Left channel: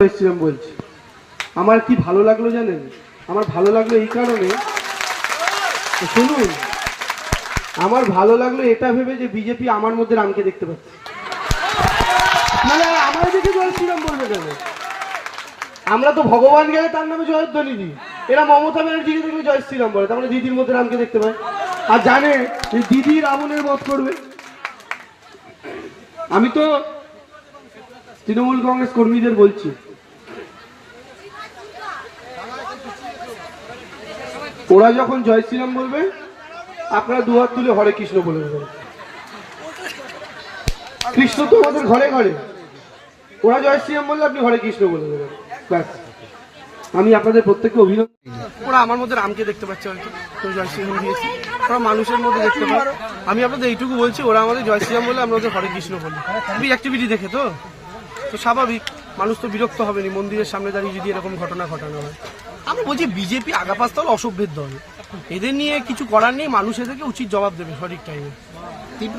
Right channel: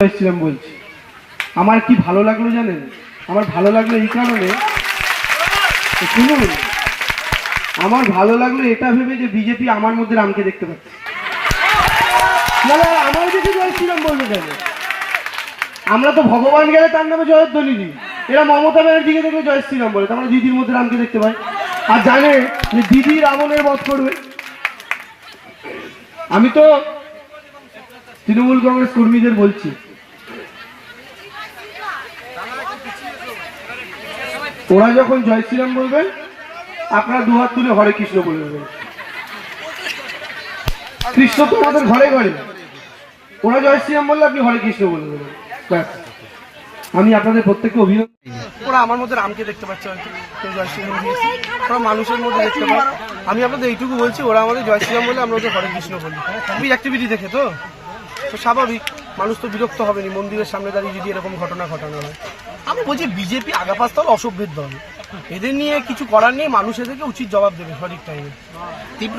এসেছিলাম বলছি। আমার কি ভালো লাগল জানেন? আমার ভালো লাগল এই কারণে শুনুন, আমার ভালো লাগল এটা ভেবে যে বিজেপি আমার মধ্যে রামকে দেখতে পাচ্ছে। আমার দেখে জয় শ্রীরাম বলবে কেন আমরা তো ভগবান গেলে তার নামে জয়ধ্বনি দিই এরা মমতা ব্যানার্জিকে দেখলে জয় শ্রীরাম বলে, তারপরে দিদির মধ্যে রামকে দেখতে পাই আর জানে দিদি রাবণের বধ করবে। আমি তো তৃণমূল কংগ্রেস কর্মীদের বলছি। ওরা যখন জয় শ্রীরাম বলবেন আপনারা দুহাত তুলে হরে কৃষ্ণ বলে দেবেন। কৃষ্ণ তো আমাদের ঘরে ঘরে। ওরা জয় শ্রীরাম বললে আপনি হরে কৃষ্ণ বলে দেবেন। আমি আপনাদের প্রত্যেককে অভিনন্দন ওরা আমার মধ্যে রামকে দেখতে পাচ্ছে হয়তো। জয় শ্রীরাম মানুষের মধ্যে দেখতে পায় আমি আপনাদের এইটুকু বলছি, ওরা আমাদের জয় শ্রীরাম বলে আমরা ওদের হরে কৃষ্ণ বলি। অ্যাক্টিভিটি দেখে তো? তো স্বাভাবিক, মানুষ তো বিরক্ত হবে না মন্দিরের সামনে দাঁড়িয়ে যদি এরকম ঘটনা ঘটানো হয়। আমি বলছি বিজেপি আগাপাস্তল অসভ্যের দল। এদের নিয়ে কিছু করার নেই, মানুষ এদেরকে উচিত জবাব দেবে সঠিক টাইমে তীব্র